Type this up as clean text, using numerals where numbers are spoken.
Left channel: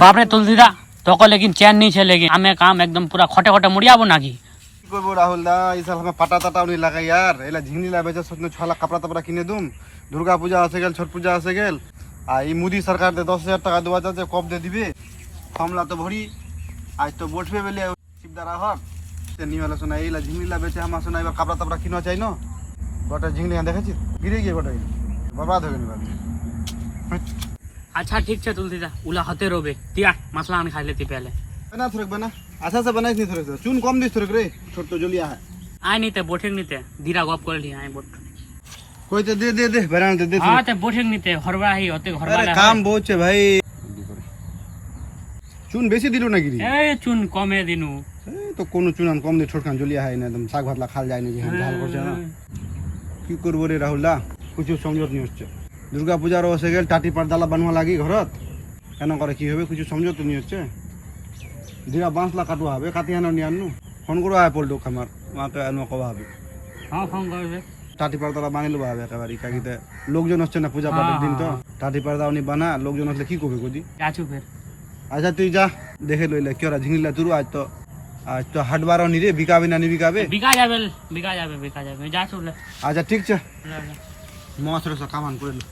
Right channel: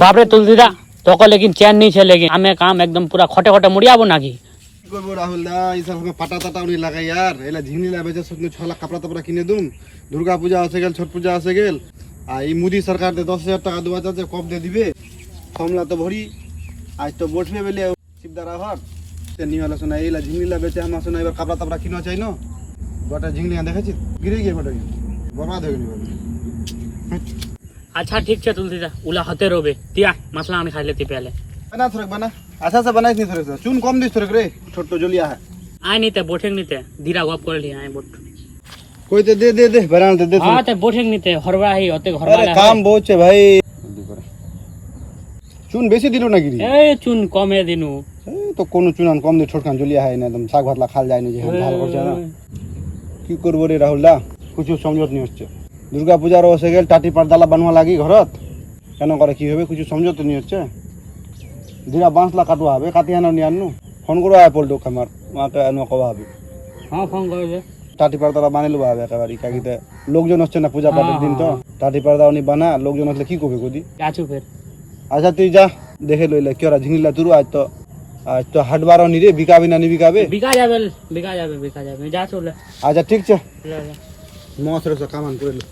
বাপরে তুলসীদা তোকে লেকিন চেন नहीं चलेगी हमें काम एकदम पूरा खटे खटे मुड़ियाबो नाকি কি করবো রাহুল দা এই সাল আমি পাটা টাটা উনি লাগাই यार এলা ঝিংলি লা বেচে সত্যি 6 লাখ কাপড়া তাপড়া কিনে দুম দুর্গা পূজা আসে গেল ছট পূজা আসে গেল আর এই মোদি সরকার দে 10,000 টাকা দেওয়া যাচ্ছে কব দে দিবে ফর্মলা তো ভরি আজ তো বসবে বলে শিবদারা ঘর সে নিওয়ালা শোনা এইলা ঝিংলি লা বেচে আমার শোনা এবার কাপড়া তাপড়া কিনা চাই না গোটা ঝিংলি দেখেছি গিরে গিয়ে গোটা বরবাদ হয়ে গেল अच्छा ठीक है तुलसीदा उला होते रोबे तिया मसला आने खाई लेती पहले बना थोड़क बना अच्छा से बनाई नहीं थोड़क चून कम दिस थोड़क रे छोट तो जलिया है आय नहीं ते बोठेंग नहीं ते धीरा गप कर लिया आय बोट कोई तो दे बना दे हां ते बोठेंग नहीं ते हरवा ही होते घर वाला काम बहुत है भाई चून बेसी दिलो ना गिरी ए चुन कमे दिनु तो कोनो चून कम दे छोटकान जलिया है ना एकदम শাক ভাতলা খাল যায় না যে ঢাল করছে না কি করব রে রাহুল দা কিছু সমঝত নি হচ্ছে দুর্গা পূজার হয়ে গেল টাটি পারদালা বানवा লাগি ঘরত কেন করে কি হবে কিছু সমঝত নি হচ্ছে দিরা বাঁশলা কাটুয়া হবে কাটি আনো নি আনু ফোন করো আয় পড়লো আমার মাকে আনো কবা হবে हां फोन करबे টাটি পারদালা বানাইলো হবে একেবারে কাকিতে লোকজন হচ্ছে না পূজা পাঠের দিন তো টাটি পারদা উনি বানা লোকজন আসলে কি করবে কদি आछू फिर আচ্ছা তুই যা দেখে লইলে কি ওরা ঝিংলা তুরু আজ তো হাটবারও নি রে বিকাবি না নি বিকাবে बिका जाबे मैं जा चले আচ্ছা ঠিক আছে ले ले মহাসরে কামান করে লো